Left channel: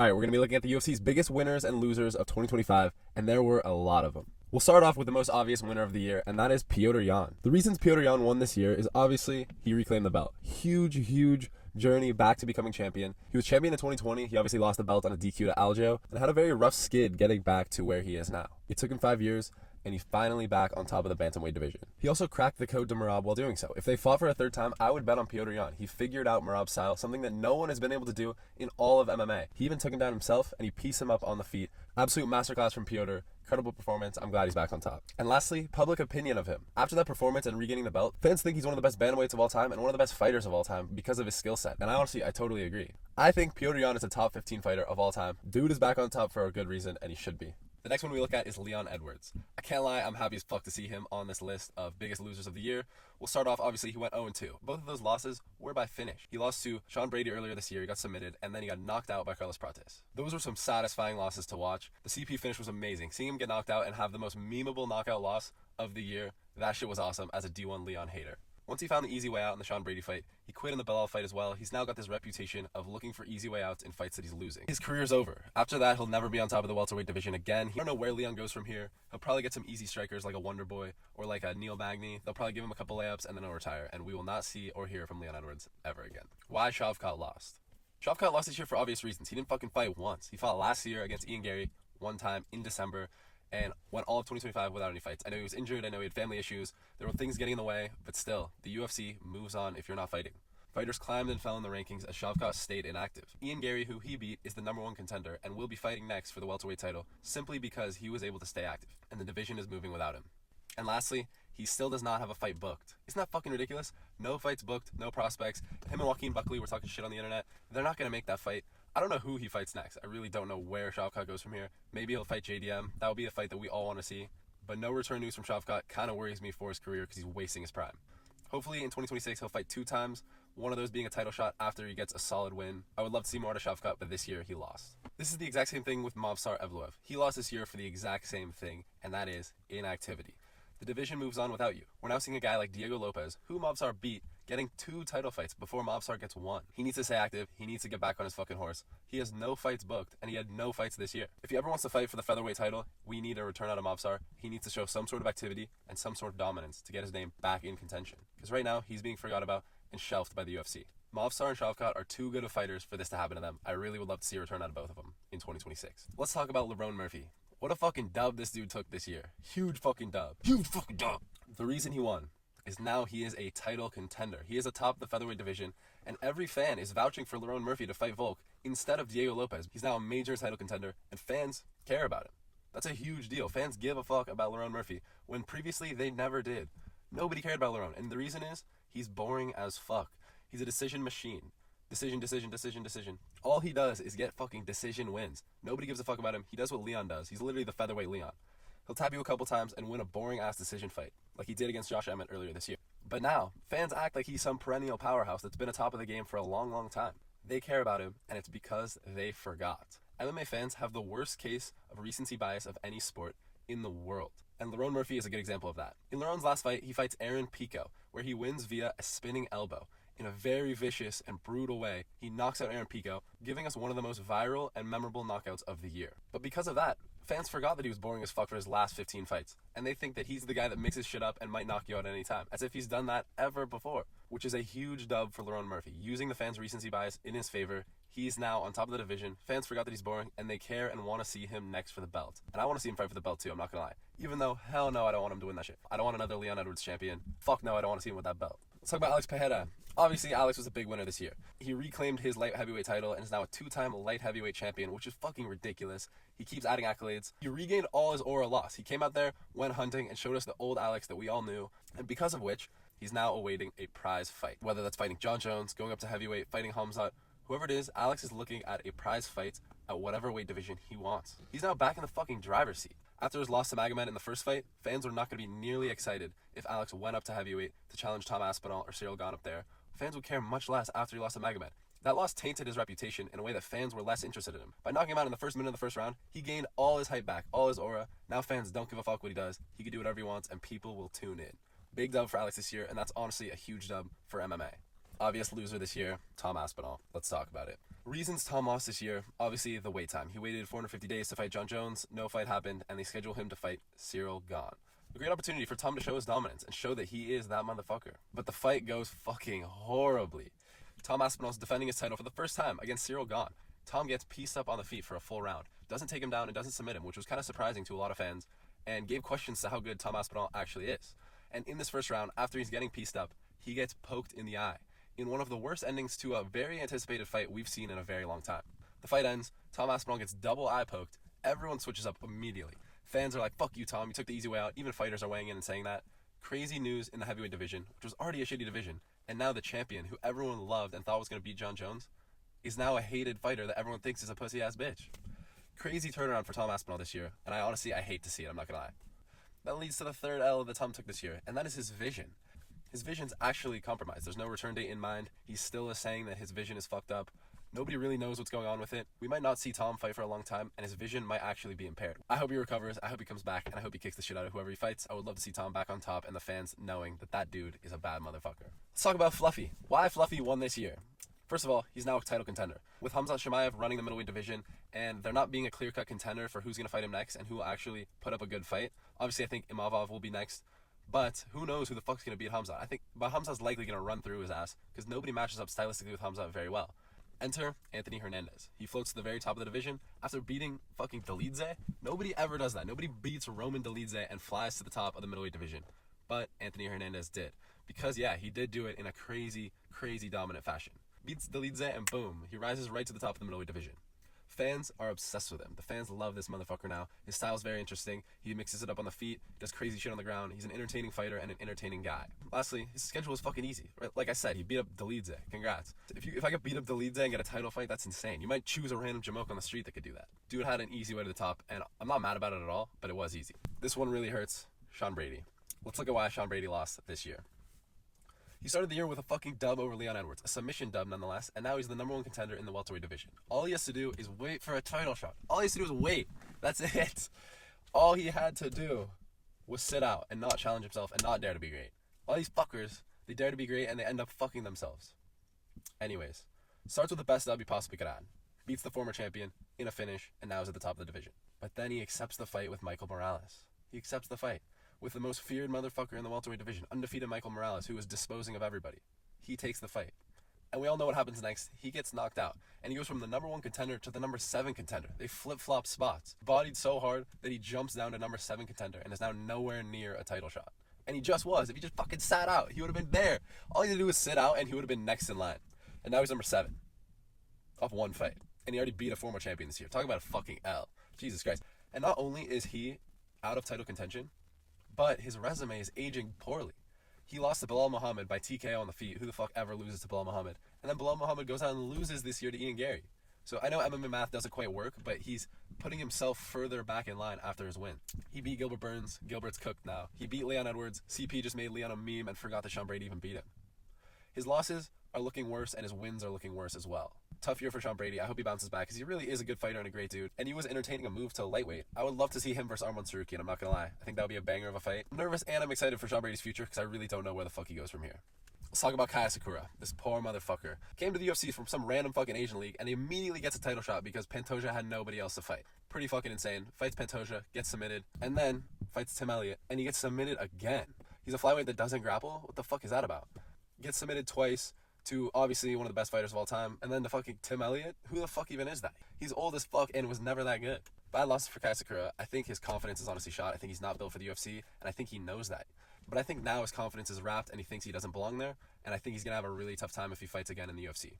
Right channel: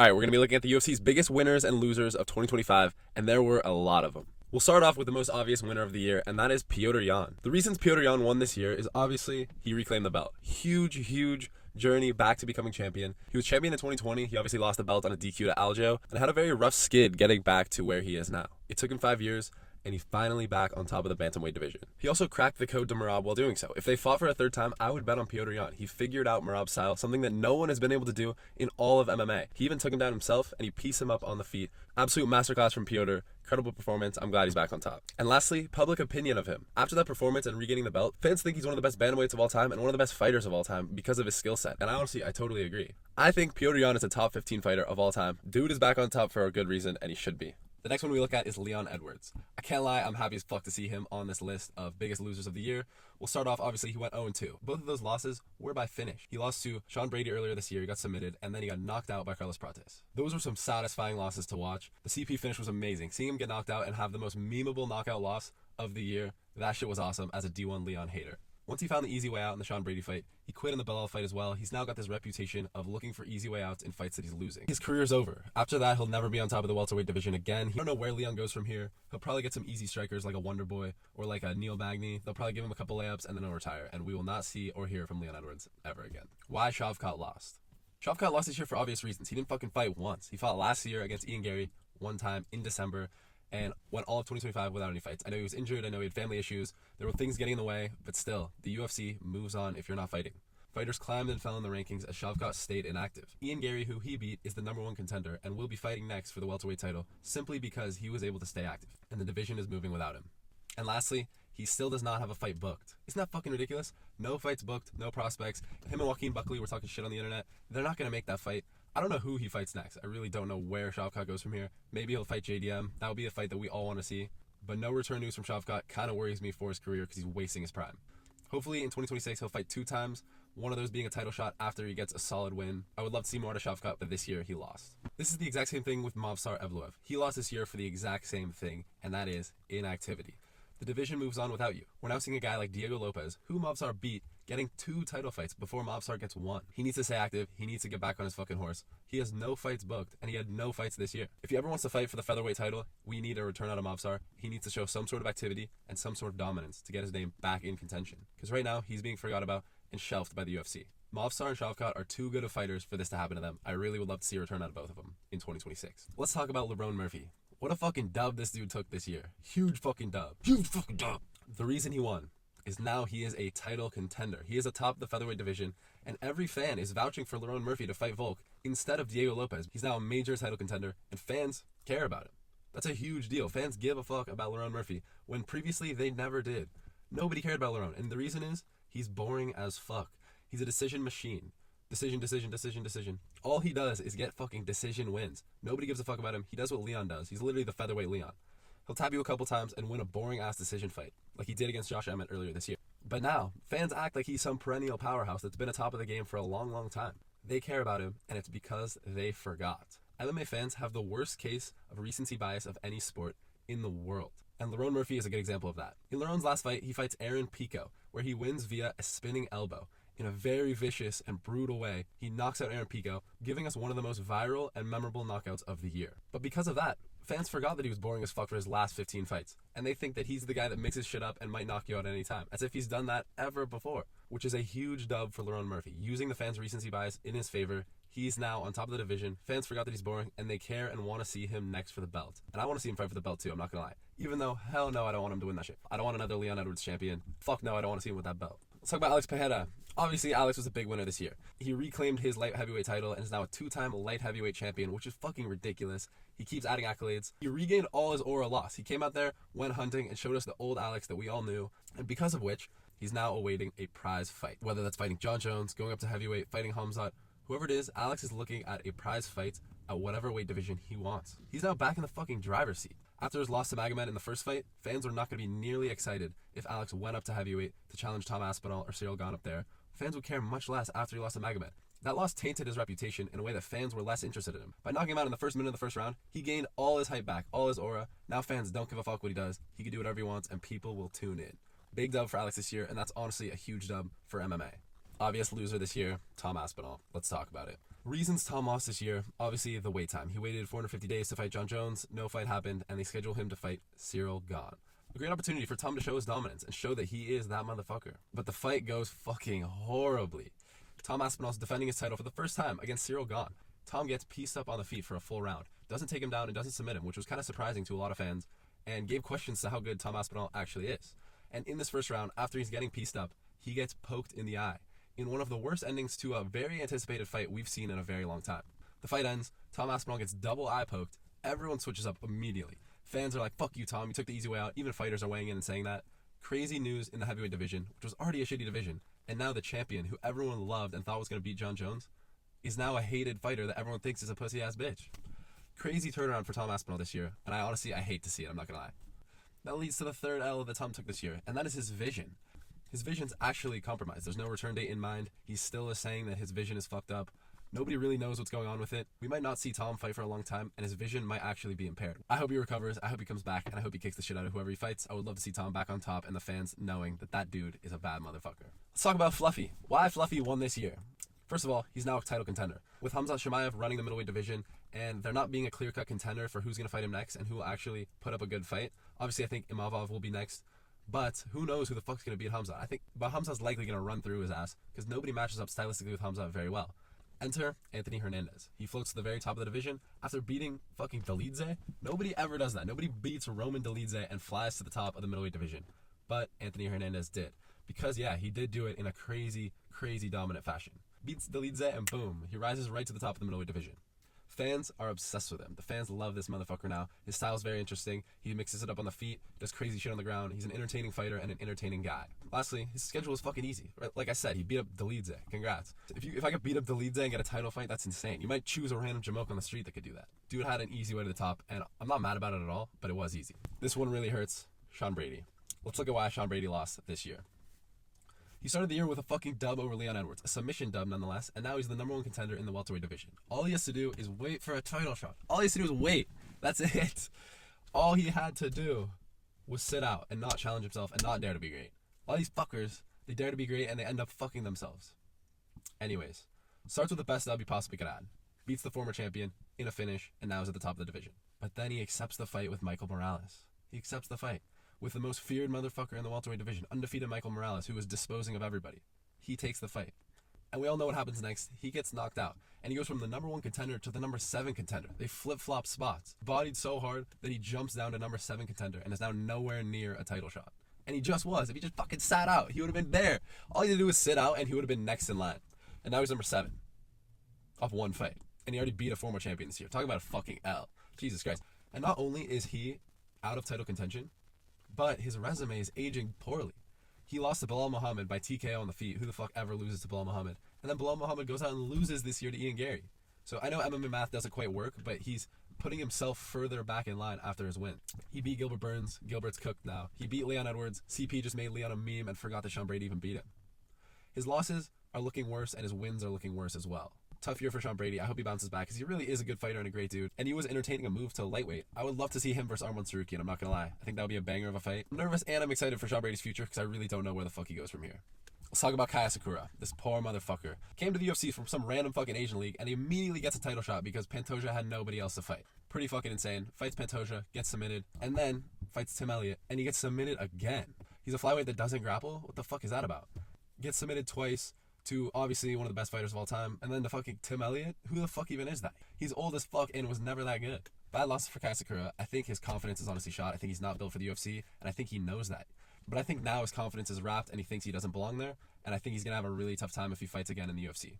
All right, we're going to be looking at the UFC's biggest winners and losers of 2025, and there were a lot of them. We'll start off with the most obvious winner of the year, and that is Petr Yan. The reasons Petr Yan won this year is obviously he reclaimed the belt. Huge journey back to becoming champion. He was champion in 2020. He obviously lost the belt on a DQ to Aljo and had a very rough skid getting back to where he is now. It took him 5 years, and he's finally back on top of the bantamweight division. He also cracked the code to Merab while doing so. If they fought for a third time, I would bet on Petr Yan. He figured out Merab's style, something that no one has been able to do in all of MMA. He even took him down himself, and he pieced him up on the feet. Absolute masterclass from Petr. Incredible performance. I'm glad he's back on top. And lastly, public opinion of him. After that performance and regaining the belt, fans think he's one of the best bantamweights of all time and one of the best fighters of all time because of his skill set. And I totally agree. I think Petr Yan is a top 15 fighter of all time. Dude is back on top for a good reason, and he should be. The next one we look at is Leon Edwards. I can't lie, I'm happy as fuck to see him on this list of biggest losers of the year. We'll start off, obviously, he went 0-2. Both of those losses were by finish. He lost to Sean Brady earlier this year, he got submitted, and then he got knocked out by Carlos Prates. Those were some satisfying losses to watch. The CP finish was amazing. Seeing him get knocked out and have the most memeable knockout loss of the year, that shit was awesome as a D1 Leon hater. Once he found the easy way out in the Sean Brady fight, he quit in the Belal fight as well. He's now got this reputation of looking for easy way outs in fights that he's losing. His career's over. After that, he'll never be on top of the welterweight division again. I don't know where Leon goes from here. He'll probably get some easy strikers like a Wonder Boy or like a Neil Magny. They'll probably give him a couple layups and then he'll retire, and we will not see or hear from Leon Edwards ever again. Why Shavkat lost? Shavkat lost this year for obvious reasons. He didn't fucking fight once. He fought last year against Ian Gary one time in December, and went all of 2025 without any fights. I know he was injured, I know he had family issues, there were things getting in the way, but still, the UFC moves on if you're not fighting. Fighters climbed and fell in the rankings as Shavkat stayed inactive. Ian Gary, who he beat, is the #1 contender and will be fighting next for the welterweight title simply because he was able to stay active, and the division is moving without him. And lastly, he still does not have a fight booked. Isn't that fucking ridiculous? No fights booked, no prospects. Him and Joaquin Buckley were talking shit on the internet. They're not going to make that fight. I don't know who he fights next. I really don't know where Shavkat goes from here. Maybe he'll fight JDM. That would be a fight that we all want to see. But no return news from Shavkat kind of worries me for his career because he's wasting his prime. Hopefully in 2026 he'll fight 2 times, one of those being a title shot after he gets a solid win. I would love to see more out of Shavkat, but this year he lost. This is the exact same thing with Movsar Evloev. He lost this year for the exact same thing, and that is inactivity. The division moves on without you. We're now seeing a guy like Diego Lopez, who Movsar beat, getting 2 title fights before Movsar gets 1. He needs to stay active. He needs to get back on his fucking horse. He has no fights booked, and he had no fights this year. If he ever wants to fight for the featherweight title, we need a return out of Movsar. He needs to show some sort of activity and some sort of dominance to get his name back in contention. Because right now, he's being forgot about and shelved by the UFC. Movsar and Shavkat are too good of fighters for this to happen to them. I really would love to see a return out of both of them in 2026. Let's talk about Lerone Murphy. What a fucking dub this dude took this year. Huge fucking dub. The reason he won is now he is a title contender. He is atop the featherweight division, and every fan is vouching for Lerone Murphy to fight Volk instead of Diego Lopez. He's now a major title contender, and fans care about him. That's a huge deal. Fans give a fuck about Lerone Murphy when previously they never did. Nobody cared about Lerone, and the reason is he's boring as fuck. He's a decision machine. Decision. All he does is get fucking decision wins. Nobody gives a fuck about him. He does what Leon does. He's literally the featherweight Leon. He'll tap you a couple times and win a boring-ass decision fight, like he did against Josh Emmett earlier this year. But now, fans act like he's some perennial powerhouse that's been atop of the game for a long time. They care about him, and it's because they forgot. MMA fans have the worst case of recency bias of any sport in the world. And Lerone Murphy is a good example of that. In Lerone's last fight, he fights Aaron Pico, where he wins via a spinning elbow. In a very vicious and brutal way, he knocks out Aaron Pico, giving us one of the most viral and memorable knockouts of the year. But because of that, fans forgot that he was boring as fuck for his last 15 fights, and they think that he's the guy that mixes shit up and might knock you out at any time, as if he's done that ever before, which is a huge dub for Lerone Murphy. Using the fans' recency bias in his favor, he's now on top of the division. Fans forgot that he's boring, and they care and want to see him next for the belt. And I want to see him fight for the belt too, I'm not gonna lie. Even though, hell no, I don't want him to win that shit. I don't want another Leon Edwards champion. Fuck no, I don't want to see him with that belt. Let's talk about Alex Pereira. Obviously, Alex was a big winner this year. He reclaimed his light heavyweight title and is now a 2-time light heavyweight champion, which is fucking ridiculous. He keeps adding accolades. He regained all his aura lost. He came out there, went hunting, and showed us the old Alex that we all knew, and because of which, he's now awaiting a prize fight. Whether that's fighting John Jones, going up to heavyweight, fighting Hamzat, whoever it is, Alex is looking at a prize fight at whatever weight division he wants. He's now back in the fucking driver's seat. After his loss to Magomed in the first fight, fans were not going to be nearly excited if Alex went up to heavyweight to challenge Tom Aspinall or Cyril Gane up there. Fans would care much less after he lost to Magomed. That loss tainted his reputation in a way that fans were less interested in him. By knocking him out in the first minute of the first round, he gained all his hype back, all his aura. Now fans don't give a fuck what he does. He can do whatever he wants, and people will tune in. Big dub for Alex this year, and that's honestly a huge dub for MMA. Obvious loser this year, Tom Aspinall. Let's talk about it. Reasons Tom lost this year, obviously the wait time. He waited 450 days to fight John Jones, no fight happened, and they scheduled him to fight Cyril Gane. A great opportunity for Tom to show his dominance and show that he is that motherfucker. But the fight goes fucking horribly. Tom Aspinall's defending his title for the first time against Cyril Gane. Tom gets pieced up on the feet for a full round, doesn't take him down and doesn't submit him, which was kind of surprising to a lot of fans, and gave questions to how good Tom Aspinall actually is. And in this first round, after he's getting pieced up, he gets poked in the eye, in one of the worst endings to a very anticipated fight we've seen in a very long time. The fight ends, Tom Aspinall gets double eye poked, everyone switches up immediately. Fans are like, fuck you, Tom, you took the easy way out. Even fighters are weighing in and saying that. Crazy news in the heavyweight division, which was already a shitty division, and now the champion, who everyone loved and thought was going to beat John Jones, is now a hated fighter that everyone thinks is a pussy-ass bitch. Crazy turnaround for Tom Aspinall this year, and I hate to see it, I'm not going to lie. That leads to the third L that Tom took this year, and that is his vision. His vision's actually compromised. There's no return date in mind. He still is saying that his vision is fucked up. Nobody really knows what's going on with it. We might not see Tom fight for a long time, and his vision might actually be impaired. I hope he recovers, I hope he comes back, and I hope he kicks the shit out of whoever he fights. I would love to see Tom back on top, and the fans knowing that that dude is a bad motherfucker. Let's talk about Fluffy. Why Fluffy won this year? First of all, he's now a title contender. With Khamzat Chimaev running the middleweight division, and there not being a clear-cut contender for who's going to fight him next and who will actually put up a good fight. Obviously, I think Imavov will be next, but who knows who the fuck's going to beat Khamzat. But Khamzat's likely going to run through his ass, because nobody matches up stylistically with Khamzat very well. Enter Anthony Hernandez. He floats to the very top of the division after beating fucking Dolidze. Nobody ever does that. Nobody beats Roman Dolidze and flies to the top of the middleweight division. But Anthony Hernandez did. Because, yeah, he did do it in a crazy, crazy dominant fashion. Beats Dolidze and boom, he rises right to the top of the middleweight division. Fans are obsessed with him. The fans love this motherfucker now. His style's very interesting. He mixes it up on the feet, does crazy shit on the ground. He's an entertaining fighter and an entertaining guy. Lastly, his schedule is fucking easy. Right? Like I said, he beat up Dolidze. Congrats. If I could beat up Dolidze and get a title fight, that's insane. You might choose a random Jamoke on the street that could do that. Dude had an easy way to the top, and I'm not mad about it at all, but it was easy. This one really hurts. Sean Brady. Let's look at why Sean Brady lost this year. He started the year with a fucking dub over Leon Edwards, a submission dub nonetheless, and now he's the number one contender in the welterweight division. All he has to do is wait for a title shot. All he has to do is wait. That's it. All he had to do was sit out and not challenge himself and not dare to be great. All these fuckers, they dare to be great and they end up fucking themselves. Anyways, starts with the best dub he possibly could add. Beats the former champion in a finish and now is at the top of the division. But then he accepts the fight with Michael Morales. He accepts the fight with the most feared motherfucker in the welterweight division, undefeated Michael Morales, who was disposing of everybody. He takes the fight. And we all know what happens next. He gets knocked out. And he goes from the number one contender to the number 7 contender. They flip-flop spots. Bodied so hard that he jumps down to number 7 contender and is now nowhere near a title shot. And he just was. If he just fucking sat out, he would have been there. All he had to do was sit out and he would have been next in line. And now he's number 7. Off one fight. And he already beat a former champion this year. Talk about a fucking L. Jesus Christ. And not only is he out of title contention, but his resume is aging poorly. He lost to Bilal Muhammad by TKO on the feet. Who the fuck ever loses to Bilal Muhammad? And then Bilal Muhammad goes out and loses this year to Ian Gary. So I know MMA math doesn't quite work, but he's putting himself further back in line after his win. He beat Gilbert Burns. Gilbert's cooked now. He beat Leon Edwards. CP just made Leon a meme and forgot that Sean Brady even beat him. His losses are looking worse and his wins are looking worse as well. Tough year for Sean Brady. I hope he bounces back because he really is a good fighter and a great dude. And he was entertaining a move to lightweight. I would love to see him versus Arman Sarukian. I'm not going to lie. I think that would be a banger of a fight. I'm nervous and I'm excited for Sean Brady's future because I really don't know where the fuck he goes from here. Let's talk about Kai Asakura. This poor motherfucker. Came to the UFC from some random fucking Asian league and he immediately gets a title shot because Pantoja had nobody else to fight. Pretty fucking insane. Fights Pantoja, gets submitted, and then fights Tim Elliott and he gets submitted again. He's a flyweight that doesn't grapple? What the fuck is that about? Gets submitted twice to obviously one of the best fighters of all time, and then the fucking Tim Elliott? Who the fuck even is that? He's old as fuck and was never that good. Bad loss for Kai Asakura. I think his confidence is honestly shot. I think he's not built for the UFC, and I think he knows that. But I think now his confidence is wrapped and he thinks he doesn't belong there, and I think he's going to have a really tough time if he fights again in the UFC.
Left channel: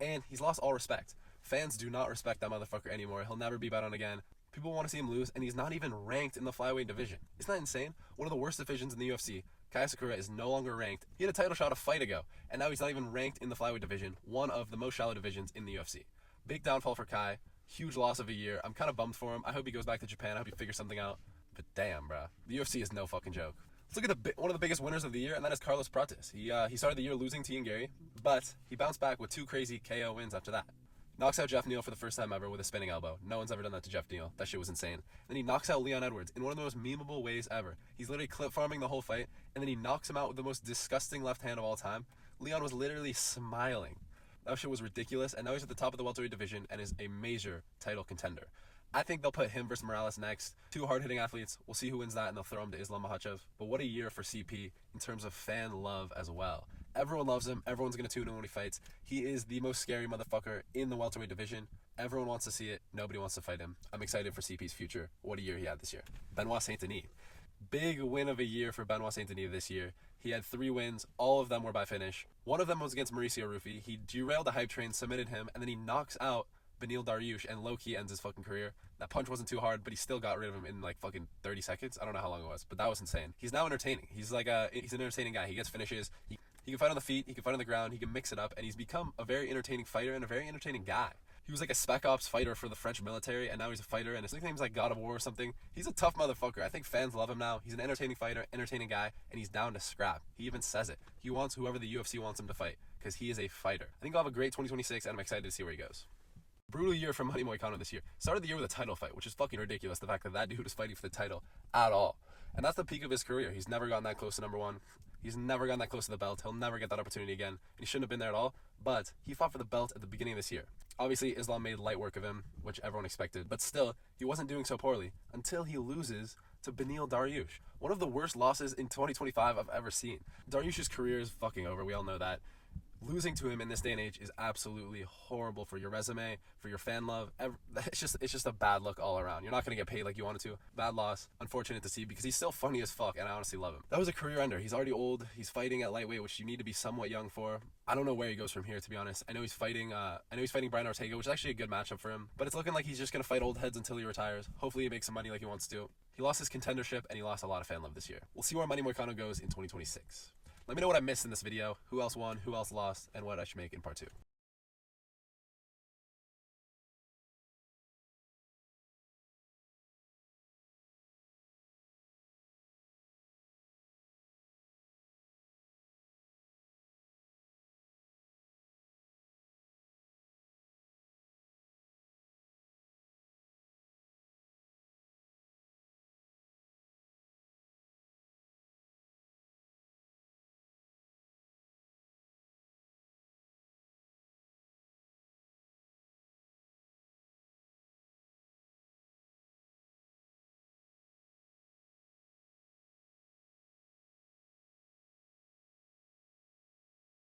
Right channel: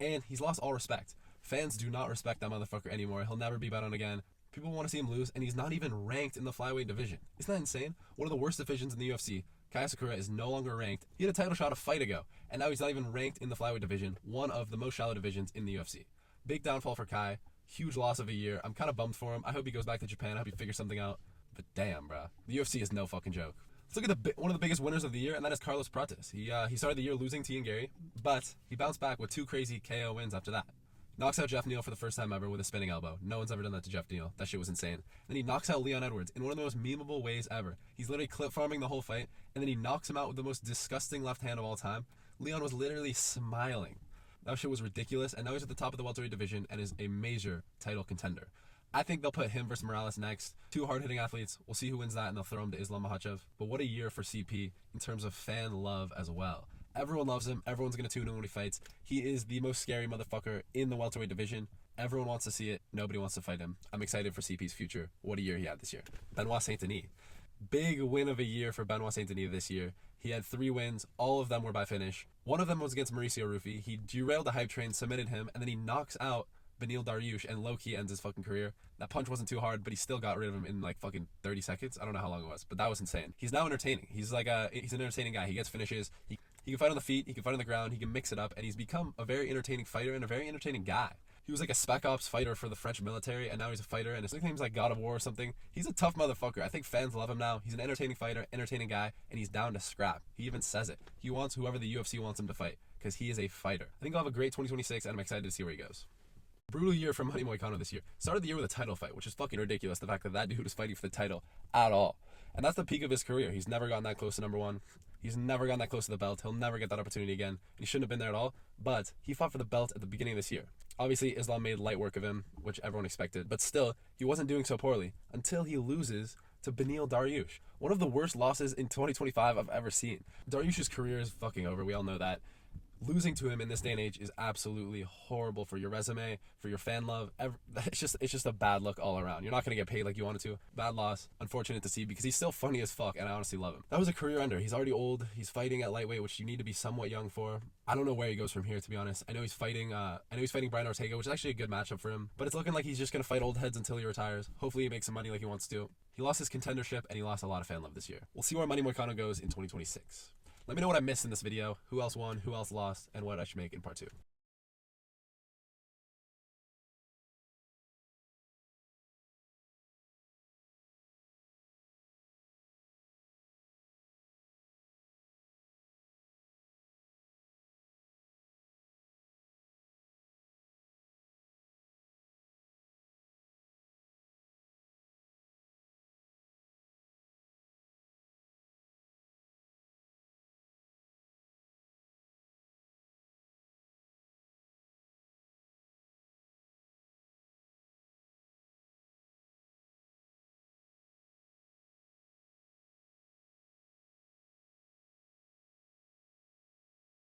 And he's lost all respect. Fans do not respect that motherfucker anymore. He'll never be bet on again. People want to see him lose, and he's not even ranked in the flyweight division. Isn't that insane? One of the worst divisions in the UFC. Kai Asakura is no longer ranked. He had a title shot a fight ago, and now he's not even ranked in the flyweight division, one of the most shallow divisions in the UFC. Big downfall for Kai. Huge loss of a year. I'm kind of bummed for him. I hope he goes back to Japan. I hope he figures something out. But damn, bruh. The UFC is no fucking joke. Let's look at one of the biggest winners of the year, and that is Carlos Prates. He started the year losing to Ian Gary, but he bounced back with 2 crazy KO wins after that. Knocks out Jeff Neal for the first time ever with a spinning elbow. No one's ever done that to Jeff Neal. That shit was insane. Then he knocks out Leon Edwards in one of the most memeable ways ever. He's literally clip farming the whole fight, and then he knocks him out with the most disgusting left hand of all time. Leon was literally smiling. That shit was ridiculous, and now he's at the top of the welterweight division and is a major title contender. I think they'll put him versus Morales next. Two hard-hitting athletes. We'll see who wins that, and they'll throw him to Islam Makhachev. But what a year for CP in terms of fan love as well. Everyone loves him. Everyone's going to tune in when he fights. He is the most scary motherfucker in the welterweight division. Everyone wants to see it. Nobody wants to fight him. I'm excited for CP's future. What a year he had this year. Benoit Saint Denis. Big win of a year for Benoit Saint Denis this year. He had 3 wins. All of them were by finish. One of them was against Mauricio Rufy. He derailed the hype train, submitted him, and then he knocks out Beneil Dariush and low-key ends his fucking career. That punch wasn't too hard, but he still got rid of him in like fucking 30 seconds. I don't know how long it was, but that was insane. He's now entertaining. He's an entertaining guy. He gets finishes. He can fight on the feet. He can fight on the ground. He can mix it up, and he's become a very entertaining fighter and a very entertaining guy. He was like a spec ops fighter for the French military, and now he's a fighter, and his nickname's like God of War or something. He's a tough motherfucker. I think fans love him now. He's an entertaining fighter, entertaining guy, and he's down to scrap. He even says it. He wants whoever the UFC wants him to fight, because he is a fighter. I think he'll have a great 2026, and I'm excited to see where he goes. Brutal year for Manny Moicano this year. Started the year with a title fight, which is fucking ridiculous, the fact that that dude was fighting for the title at all. And that's the peak of his career. He's never gotten that close to number 1. He's never gotten that close to the belt. He'll never get that opportunity again. And he shouldn't have been there at all, but he fought for the belt at the beginning of this year. Obviously, Islam made light work of him, which everyone expected, but still, he wasn't doing so poorly until he loses to Beneil Dariush. One of the worst losses in 2025 I've ever seen. Dariush's career is fucking over. We all know that. Losing to him in this day and age is absolutely horrible for your resume, for your fan love. It's just a bad look all around. You're not going to get paid like you wanted to. Bad loss. Unfortunate to see because he's still funny as fuck and I honestly love him. That was a career ender. He's already old. He's fighting at lightweight, which you need to be somewhat young for. I don't know where he goes from here, to be honest. I know he's fighting Brian Ortega, which is actually a good matchup for him. But it's looking like he's just going to fight old heads until he retires. Hopefully he makes some money like he wants to. He lost his contendership and he lost a lot of fan love this year. We'll see where Manny Moicano goes in 2026. Let me know what I missed in this video, who else won, who else lost, and what I should make in part 2.